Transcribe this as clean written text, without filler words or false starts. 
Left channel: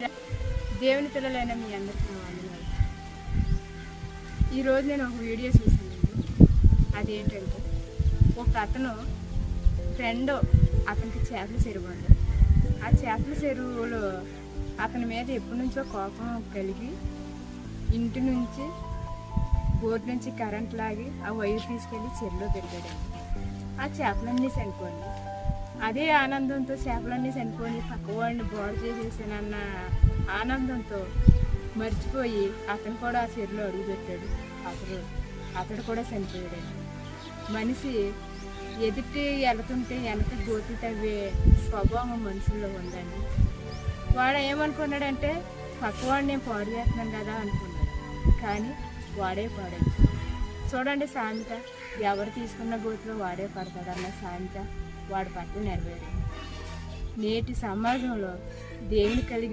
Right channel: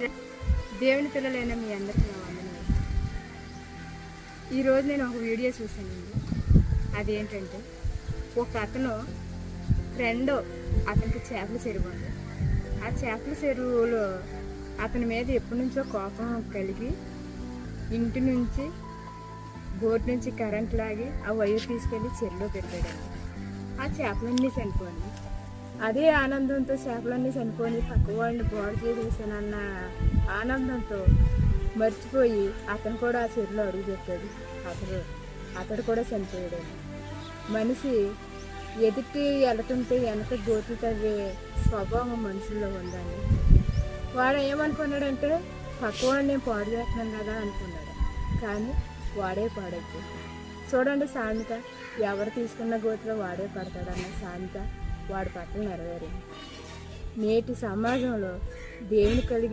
దేవుని పిల్లలైన మీ అందరికీ నా వందనాలు. ఈరోజు నేను ఒక వీడియో చూసానండి. అదేంటంటే ఒక అతను ఫ్రెండ్ అతనికి చేపల చెరువు ఉంది. ఆ చేపల చెరువులో అతని మీద ఎప్పటి నుంచో కోపం కలిగి ఇంటి నుంచి బోట్ నుంచి కరెంట్ లాగి ఆ వైర్ తీసుకెళ్ళి చెరువులో పెరిగాడండి. ఆ చేపలన్నీ చనిపోయి అదే ఆనందంతో చేపలన్నీ చనిపోయి పక్క వాళ్ళని బాగు చేసేసానన్న ఆనందంతో మర్చిపోయి అతను కూడా ఆ చెరువులో అడుగు పెట్టాడు. అతడు కూడా చనిపోయాడు. మనిషి ఎదుటి వెళ్తుంటే వెనక గోతి తవ్వే స్వభావం మనుషుల్లో ఉందండి. వాడు ఏమనుకున్నాడంటే పక్కవాడిని నేను పాడు చేస్తున్నాను కదా అనుకున్నాడు. కానీ వాడే పాడైపోయాడు. చూడండి సామెత, ఎవరు తీసుకున్న గోతిలో వాడే పడతాడన్న సామెత వాడి పట్ల నెరవేరింది. నేటి సమాజంలో దేవుని కలిగి